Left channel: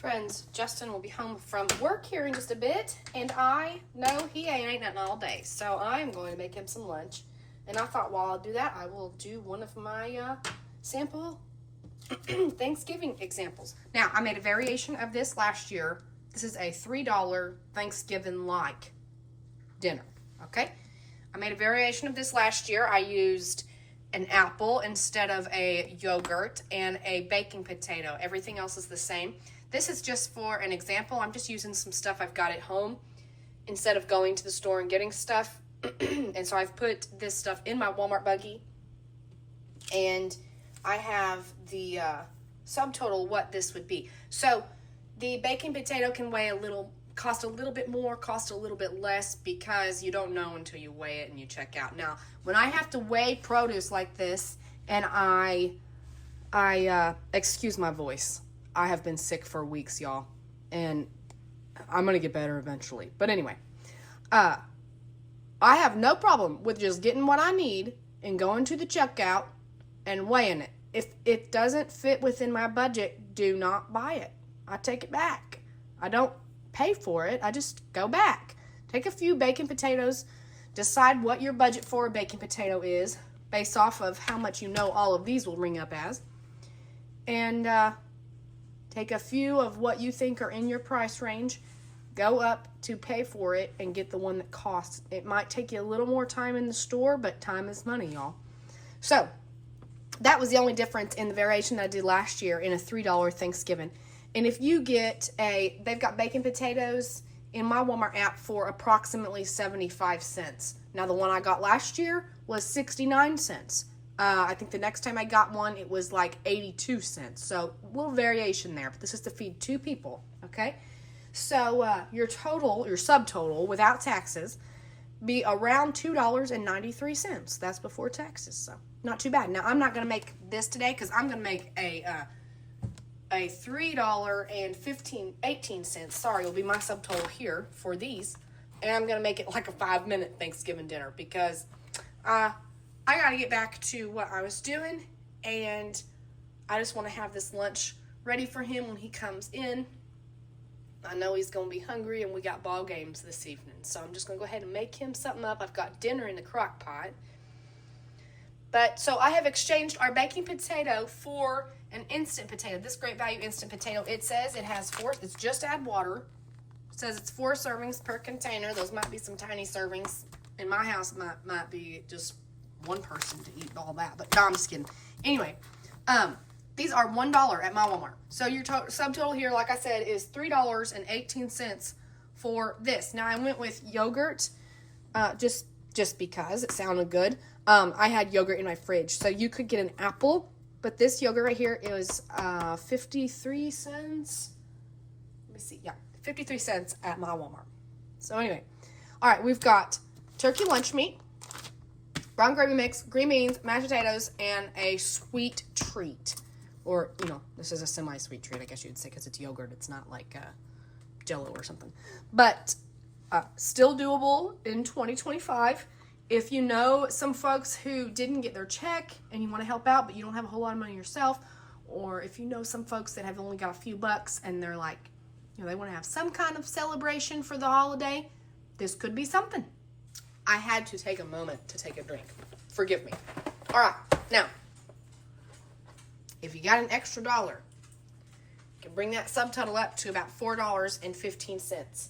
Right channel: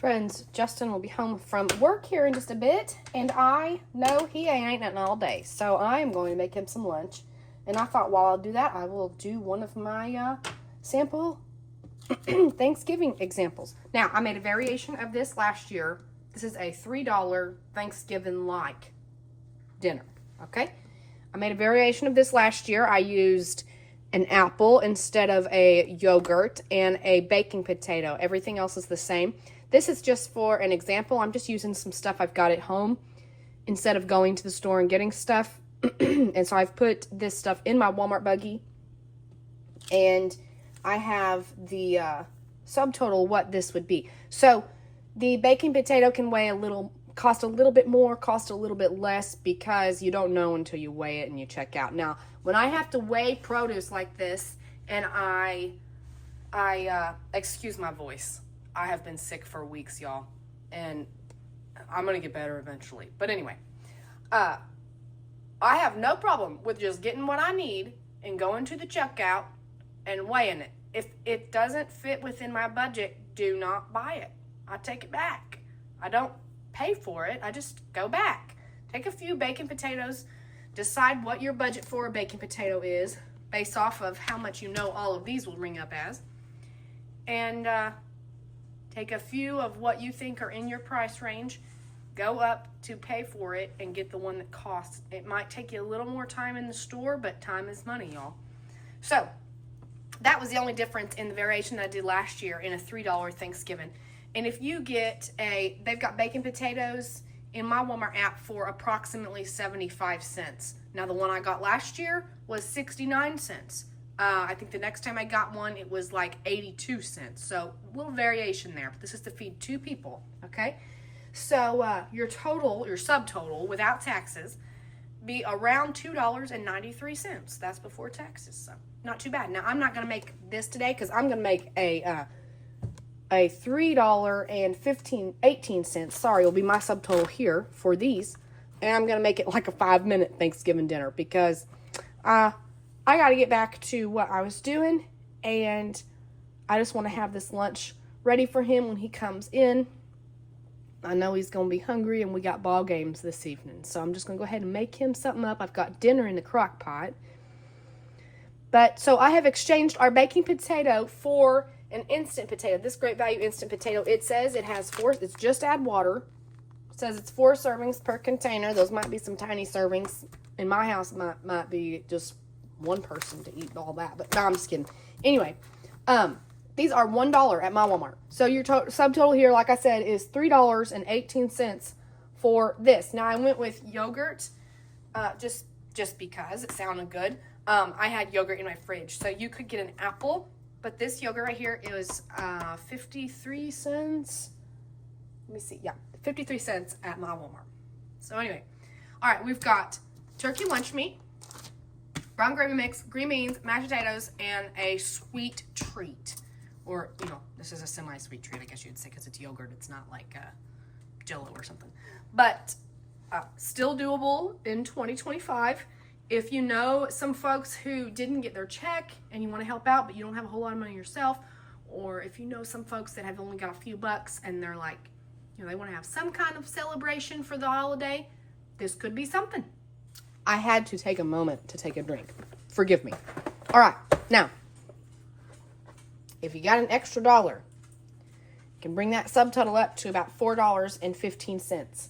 Friends, Justin will be home from work here in just a bit, and I know he ain't eating nothing all day, so I am going to make him some lunch. And I thought while I do that, I will do one of my sample Thanksgiving examples. Now, I made a variation of this last year. This is a $3 Thanksgiving-like dinner, okay? I made a variation of this last year. I used an apple instead of a yogurt and a baking potato. Everything else is the same. This is just for an example. I'm just using some stuff I've got at home instead of going to the store and getting stuff. And so I've put this stuff in my Walmart buggy. And I have the subtotal what this would be. So the baking potato can weigh cost a little bit more, cost a little bit less, because you don't know until you weigh it and you check out. Now, when I have to weigh produce like this, and I excuse my voice. I have been sick for weeks, y'all, and I'm going to get better eventually. But anyway, I have no problem with just getting what I need and going to the checkout and weighing it. If it doesn't fit within my budget, do not buy it. I take it back. I don't pay for it. I just go back. Take a few baking potatoes. Decide what your budget for a baking potato is based off of how much you know all of these will ring up as. And take a few of what you think are in your price range, go up to pay for it, and get the one that costs. It might take you a little more time in the store, but time is money, y'all. So that was the only difference in the variation I did last year in a $3 Thanksgiving. And if you get they've got baking potatoes in my Walmart app for approximately 75 cents. Now, the one I got last year was 69 cents. I think the next time I got one, it was like 82 cents. So a little variation there, but this is to feed 2 people, okay? So your subtotal without taxes, be around $2.93. That's before taxes, so not too bad. Now, I'm not going to make this today because I'm going to make a $3.18, sorry, will be my subtotal here for these. And I'm going to make it like a 5-minute Thanksgiving dinner because I got to get back to what I was doing, and I just want to have this lunch ready for him when he comes in. I know he's going to be hungry, and we got ball games this evening, so I'm just going to go ahead and make him something up. I've got dinner in the crock pot. But so I have exchanged our baking potato for an instant potato. This Great Value instant potato, it says it has 4, it's just add water. It says it's 4 servings per container. Those might be some tiny servings. In my house, might be just one person to eat all that, but no, I'm just kidding. Anyway, these are $1 at my Walmart. So your subtotal here, like I said, is $3.18 for this. Now I went with yogurt, just because it sounded good. I had yogurt in my fridge, so you could get an apple, but this yogurt right here is 53 cents. Let me see, yeah, 53 cents at my Walmart. So anyway, all right, we've got turkey lunch meat, brown gravy mix, green beans, mashed potatoes, and a sweet treat. Or, this is a semi-sweet treat, I guess you'd say, because it's yogurt. It's not like Jell-O or something. But still doable in 2025. If you know some folks who didn't get their check and you want to help out, but you don't have a whole lot of money yourself, or if you know some folks that have only got a few bucks and they're like, they want to have some kind of celebration for the holiday, this could be something. I had to take a moment to take a drink. Forgive me. All right. Now, if you got an extra $1, you can bring that subtotal up to about $4.15.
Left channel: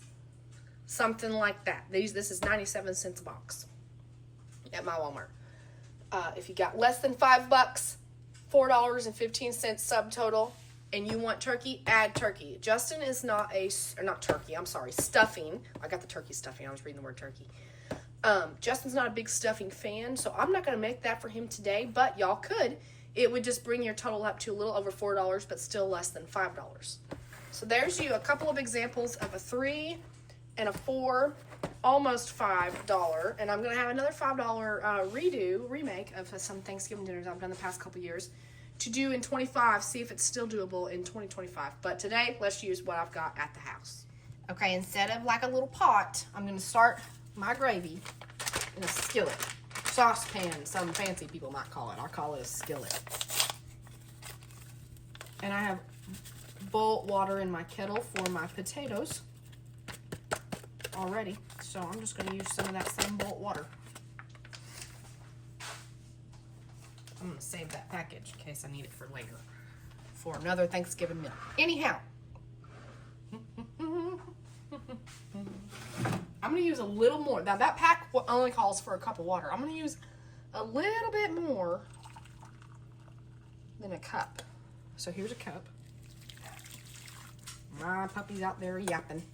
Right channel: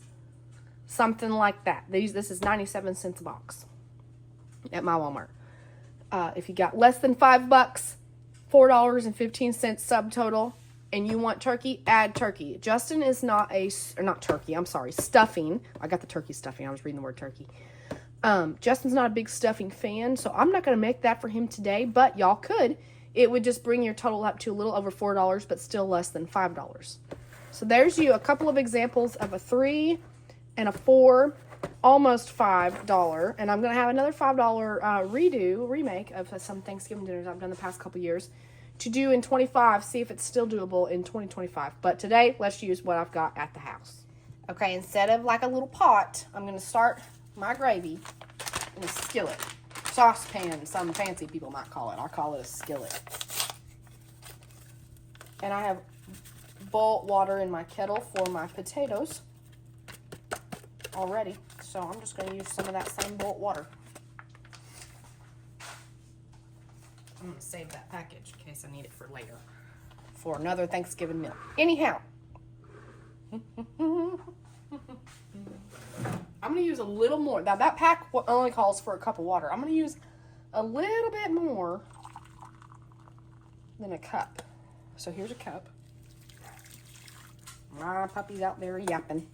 Something like that. This is 97 cents a box at my Walmart. If you got less than $5, $4.15 subtotal, and you want turkey, add turkey. Justin is stuffing. I got the turkey stuffing. I was reading the word turkey. Justin's not a big stuffing fan, so I'm not going to make that for him today, but y'all could. It would just bring your total up to a little over $4, but still less than $5. So there's you a couple of examples of a $3 and a $4, almost $5, and I'm going to have another $5 remake of some Thanksgiving dinners I've done the past couple years to do in 25, see if it's still doable in 2025. But today, let's use what I've got at the house. Okay, instead of like a little pot, I'm going to start my gravy in a skillet. Saucepan, some fancy people might call it. I'll call it a skillet. And I have boil water in my kettle for my potatoes already. So I'm just going to use some of that same boiled water. I'm going to save that package in case I need it for later. For another Thanksgiving meal. Anyhow. I'm going to use a little more. Now that pack only calls for a cup of water. I'm going to use a little bit more than a cup. So here's a cup. My puppy's out there yapping.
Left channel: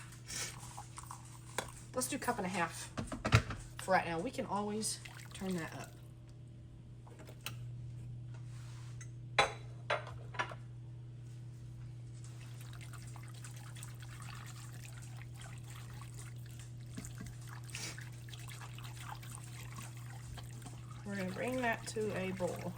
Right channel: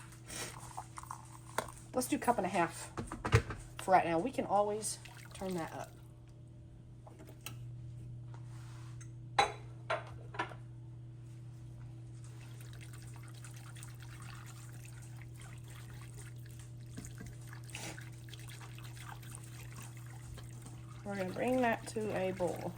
Let's do 1.5 cups for right now. We can always turn that up. We're going to bring that to a boil.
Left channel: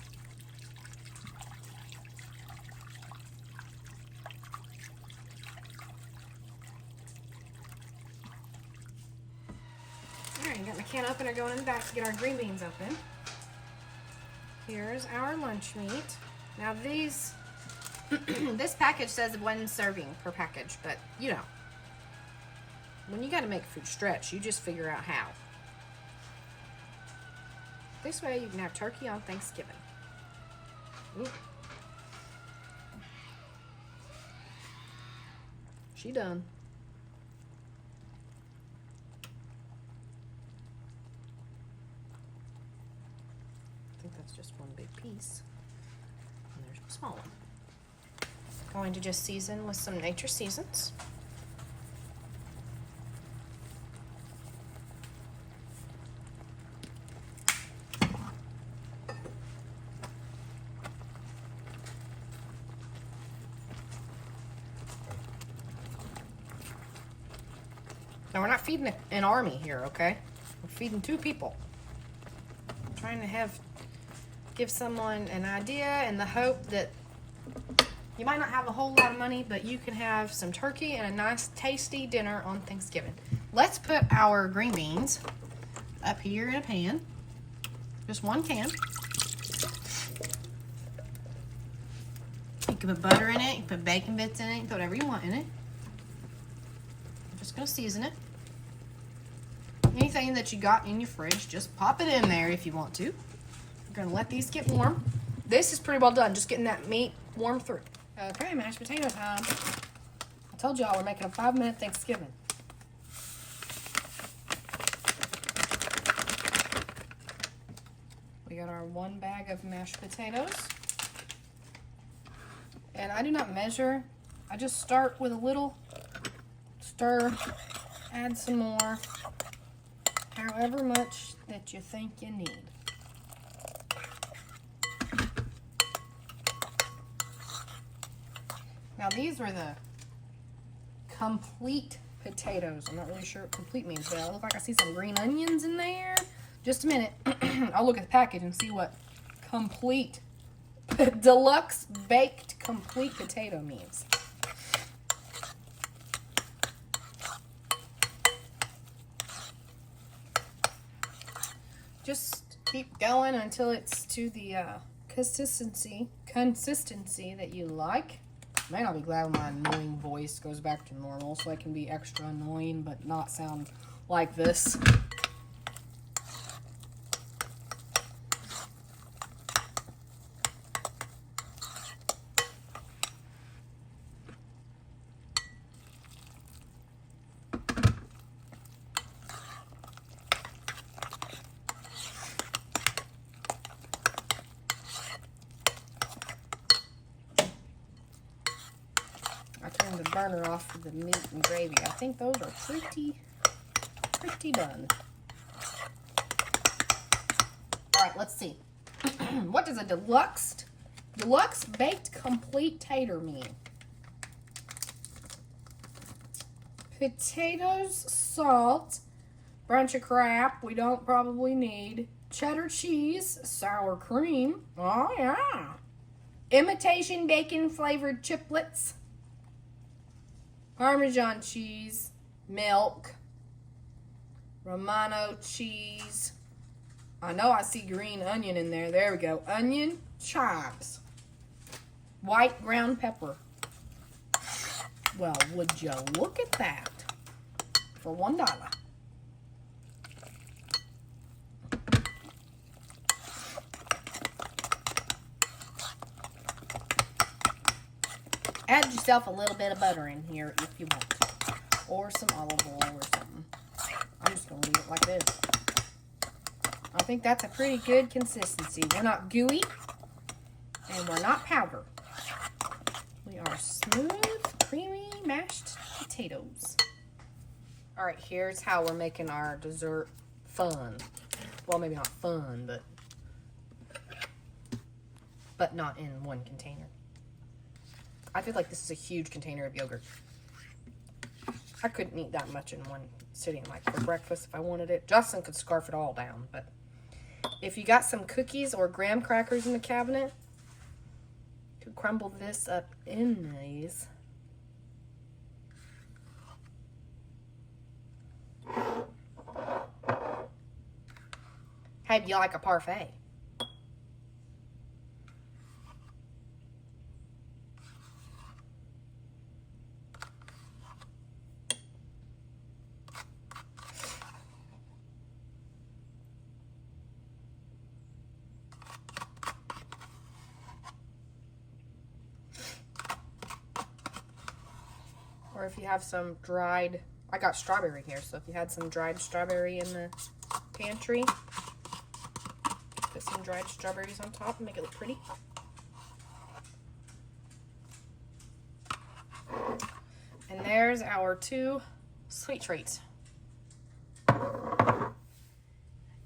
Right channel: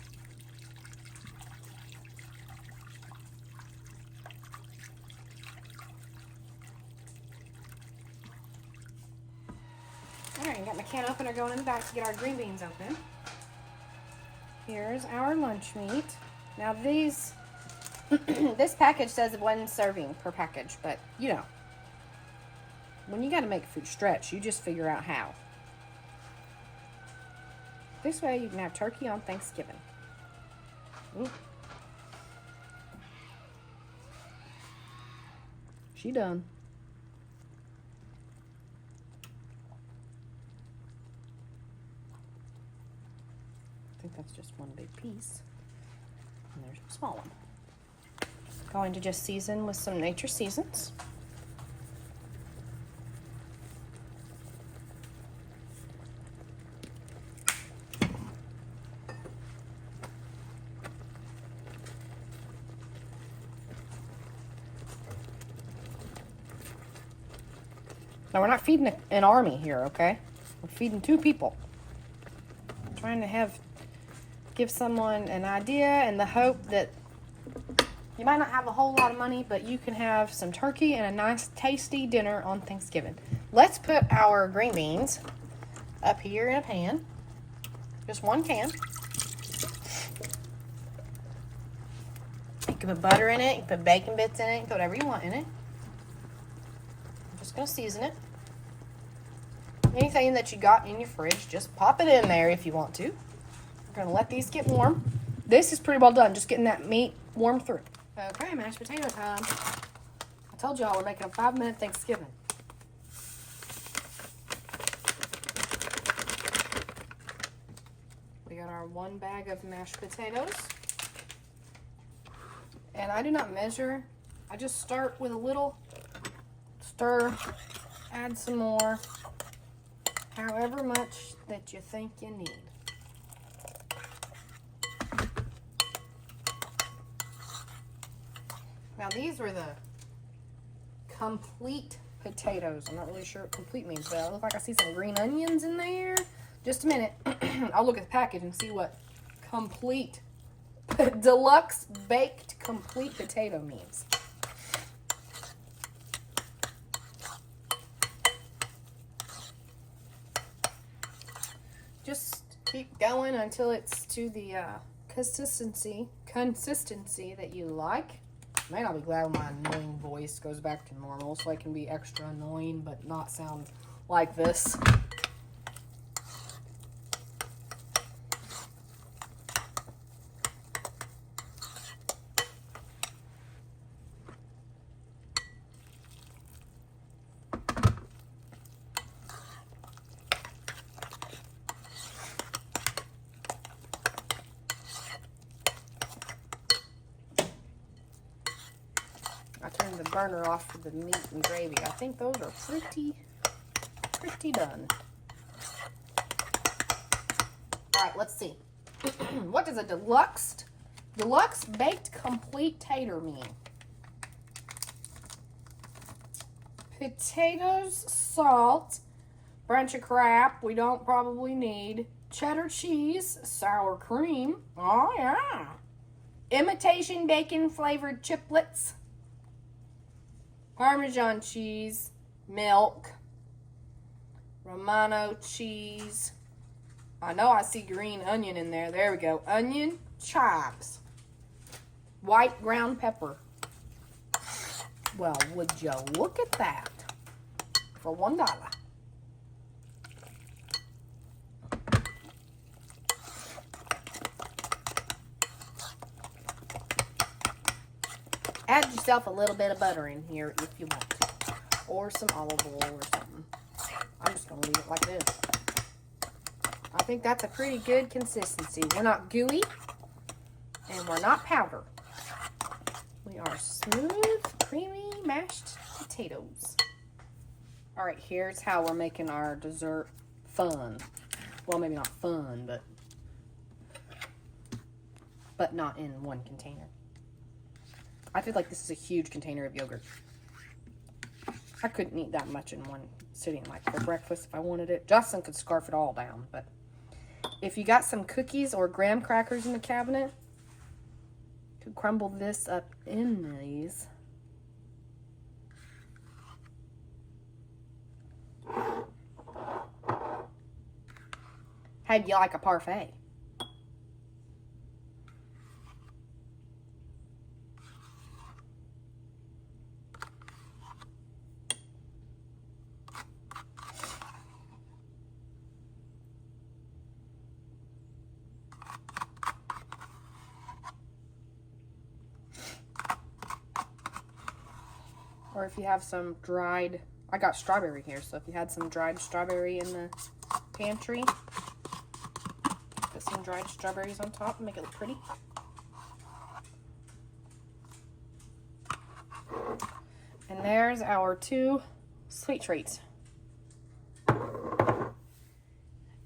Alright, got my can opener going in the back to get our green beans open. Here's our lunch meat. Now these, this package says 1 serving per package, but you know, when you got to make food stretch, you just figure out how. This way you can have turkey on Thanksgiving. Ooh. She done. I think that's just one big piece. And there's a small one. Going to just season with some Nature Seasons. Now, we're not feeding an army here, okay? We're feeding 2 people. I'm trying to give someone an idea and the hope that you might not have a whole lot of money, but you can have some turkey and a nice, tasty dinner on Thanksgiving. Let's put our green beans up here in a pan. Just 1 can. You can put butter in it, you can put bacon bits in it, you can put whatever you want in it. I'm just going to season it. Anything that you got in your fridge, just pop it in there if you want to. We're going to let these get warm. This is pretty well done, just getting that meat warm through. Okay, mashed potato time. I told y'all we're making a 5-minute Thanksgiving. We got our 1 bag of mashed potatoes. And I do not measure. I just start with a little, stir, add some more. However much that you think you need. Now these were the complete potatoes. I'm not really sure what complete means, but it looks like I see some green onions in there. Just a minute. I'll look at the package and see what complete, deluxe baked complete potato means. Just keep going until it's to the consistency that you like. I may not be glad when my annoying voice goes back to normal, so I can be extra annoying but not sound like this. The burner off for the meat and gravy. I think those are pretty done. All right, let's see. What does a deluxe baked complete tater mean? Potatoes, salt, bunch of crap we don't probably need, cheddar cheese, sour cream. Oh yeah. Imitation bacon flavored chiplets. Parmesan cheese, milk, Romano cheese. I know I see green onion in there. There we go. Onion, chives, white ground pepper. Well, would you look at that for $1? Add yourself a little bit of butter in here if you want to, or some olive oil or something. I'm just going to leave it like this. I think that's a pretty good consistency. We're not gooey, and we're not powder. We are smooth, creamy, mashed potatoes. All right, here's how we're making our dessert fun. Well, maybe not fun, but not in one container. I feel like this is a huge container of yogurt. I couldn't eat that much in one sitting, like for breakfast if I wanted it. Justin could scarf it all down, but if you got some cookies or graham crackers in the cabinet, you could crumble this up in these. How do you like a parfait? Or if you have some dried, I got strawberry here, so if you had some dried strawberry in the pantry, put some dried strawberries on top and make it look pretty. And there's our 2 sweet treats.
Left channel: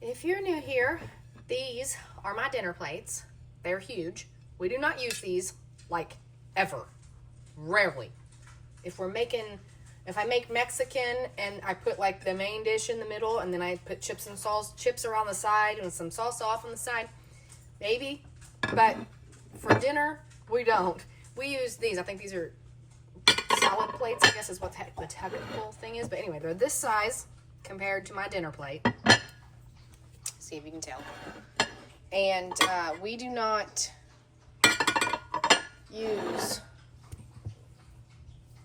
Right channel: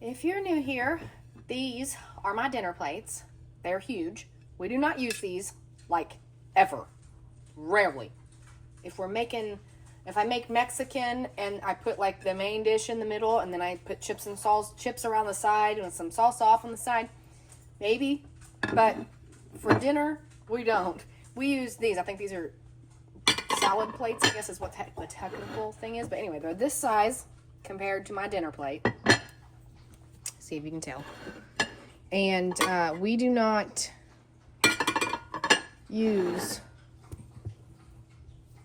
If you're new here, these are my dinner plates. They're huge. We do not use these like ever. Rarely. If I make Mexican and I put like the main dish in the middle and then I put chips around the side and some salsa off on the side, maybe. But for dinner, we don't. We use these. I think these are salad plates, I guess is what the technical thing is. But anyway, they're this size compared to my dinner plate. See if you can tell. And we do not use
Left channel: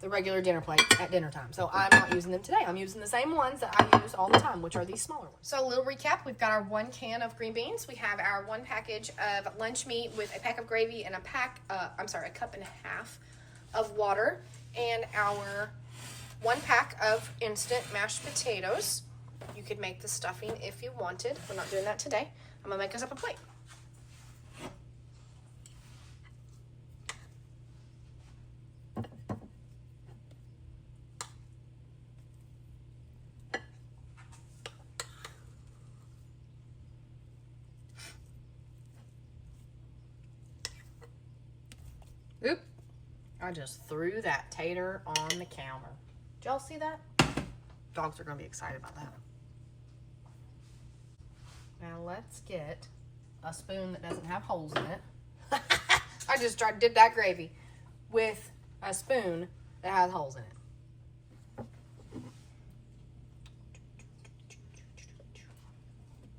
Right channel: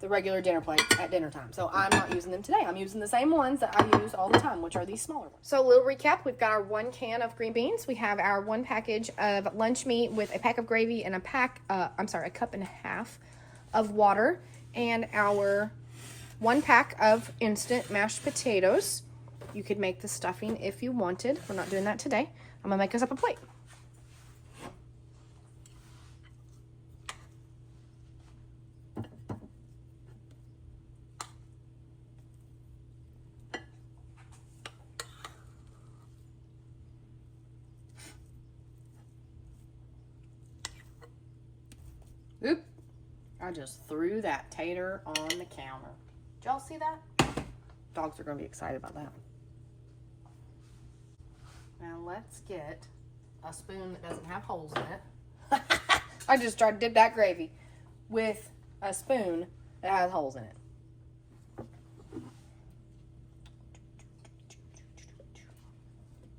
the regular dinner plate at dinner time. So I'm not using them today. I'm using the same ones that I use all the time, which are these smaller ones. So a little recap, we've got our 1 can of green beans. We have our 1 package of lunch meat with a pack of gravy and a cup and a half of water, and our 1 pack of instant mashed potatoes. You could make the stuffing if you wanted. We're not doing that today. I'm gonna make us up a plate. Oop, I just threw that tater on the counter. Did y'all see that? Dogs are going to be excited about that. Now let's get a spoon that doesn't have holes in it. I just did that gravy with a spoon that has holes in it.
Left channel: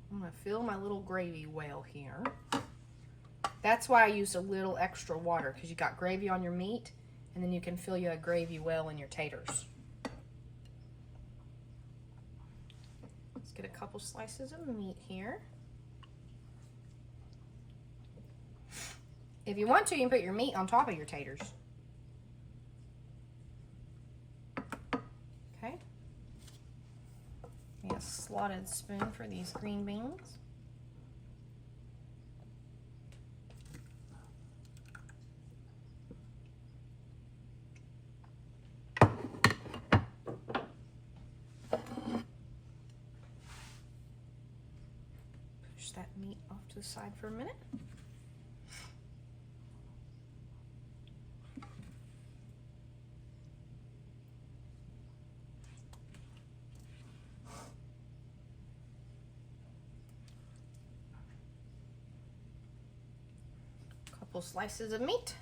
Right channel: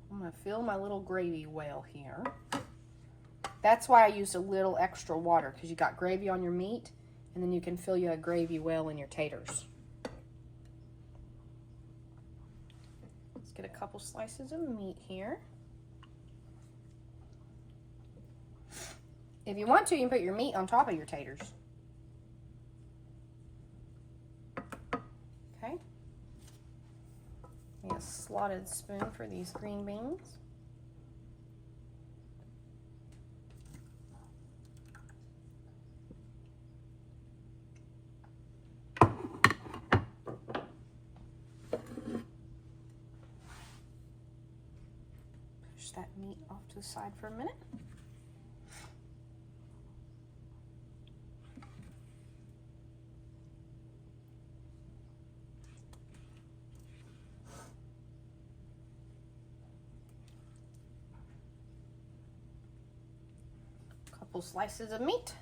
I'm going to fill my little gravy well here. That's why I used a little extra water, because you got gravy on your meat, and then you can fill you a gravy well in your taters. Let's get a couple slices of meat here. If you want to, you can put your meat on top of your taters. Okay. A slotted spoon for these green beans. That meat off to the side for a minute. Couple slices of meat.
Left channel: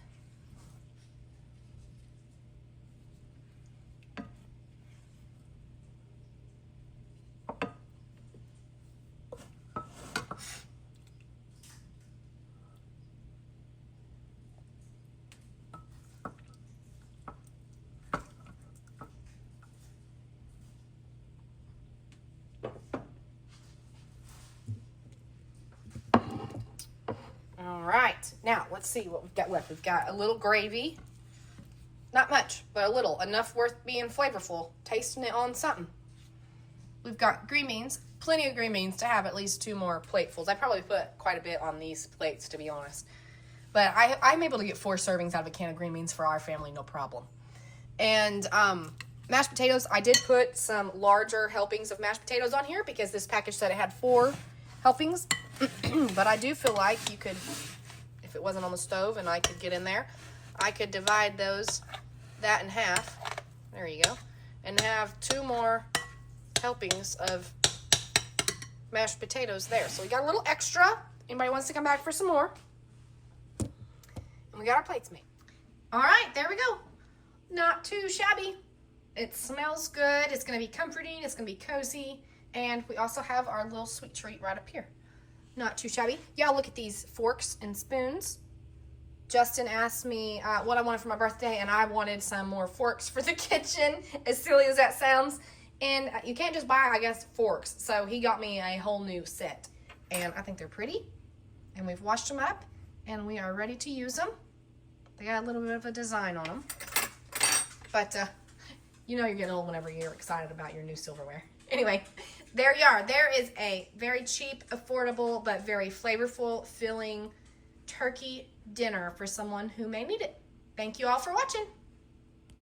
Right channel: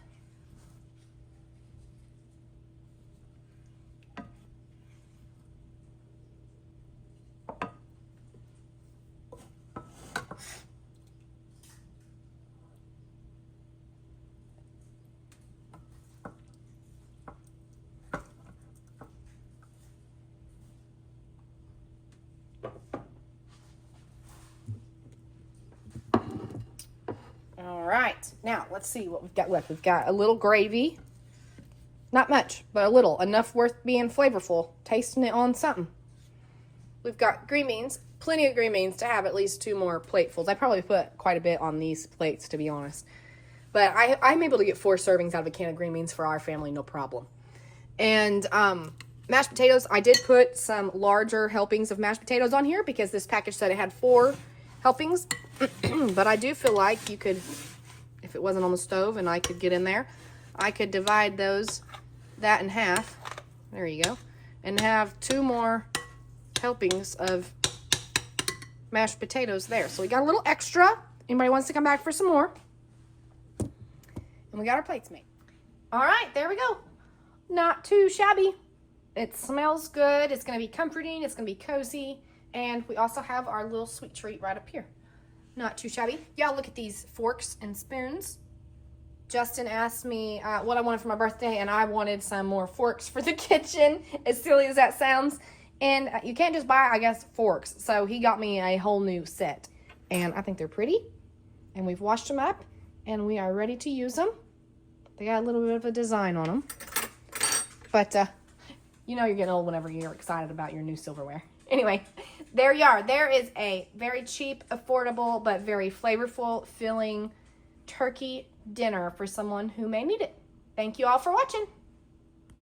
let's see what we've got left. We've got a little gravy. Not much, but a little. Enough worth being flavorful. Tasting it on something. We've got green beans. Plenty of green beans to have at least 2 more platefuls. I probably put quite a bit on these plates, to be honest. But I'm able to get 4 servings out of a can of green beans for our family, no problem. And mashed potatoes. I did put some larger helpings of mashed potatoes on here because this package said it had 4 helpings. But I do feel like you could, if it wasn't on the stove and I could get in there, I could divide that in half. There you go. And have 2 more helpings of mashed potatoes there. So we got a little extra. Anybody wants to come back for some more? And we got our plates made. All right, there we go. Not too shabby. It smells good. It's going to be comforting. It's going to be cozy. And we also have our little sweet treat right up here. Not too shabby. Y'all look at these forks and spoons. Justin asked me what I wanted for my birthday, and I wanted some more forks for the kitchen, as silly as that sounds. And you can't just buy, I guess, forks. So he got me a whole new set. And I think they're pretty. And we've washed them up, and we are ready to use them. They got a little bit of a design on them. But you know you're getting old whenever you're excited about your new silverware. Anyway, there you are. There is a very cheap, affordable, but very flavorful, filling turkey dinner for someone who may need it. Thank you all for watching.